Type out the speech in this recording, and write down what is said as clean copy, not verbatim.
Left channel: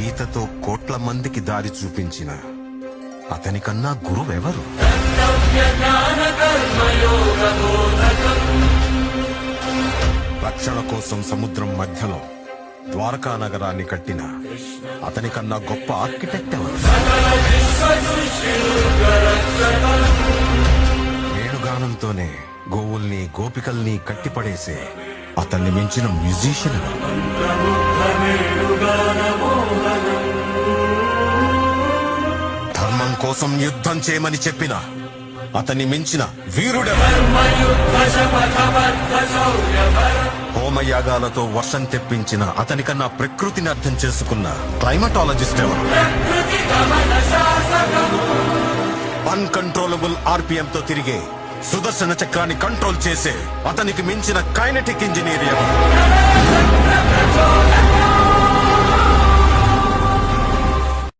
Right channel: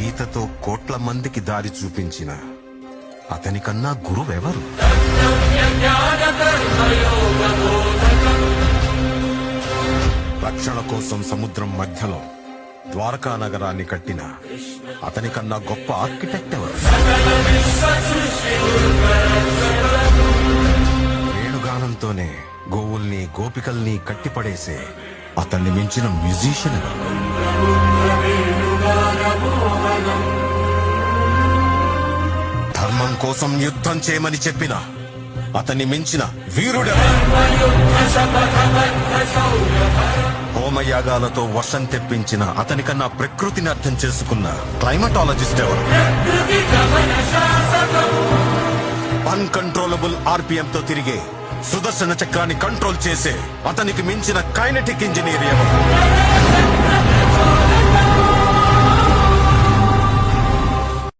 గీతతో కోట్ల మందికి దారి చూపించిన అతనికన్నా గురువెవరు? రక్షణ కోసం సముద్రం మధ్యలో ద్వారకా నగరాన్ని కట్టిన అతనికన్నా గొప్ప ఆర్కిటెక్ట్ ఎవరు? వేణుగానంతోనే గోవుల్ని గోపికల్ని కట్టిపడేసే అతన్ని మించిన మ్యూజిషియన్ ఎవరు? ధర్మం కోసం యుద్ధం చేయమని చెప్పిన అతన్ని మించిన వీరుడెవరు? హోమయాగాలతో వర్షం తెప్పించిన అతనికన్నా ప్రకృతిని అర్థం చేసుకున్న క్లైమటాలజిస్ట్ ఎవరు? అన్కంట్రోలబుల్ ఆర్పిఎంతో తిరిగే సుదర్శన చక్రాన్ని కంట్రోల్ చేసే అతనికి మించిన కైనెటిక్ ఇంజనీర్ ఎవరు?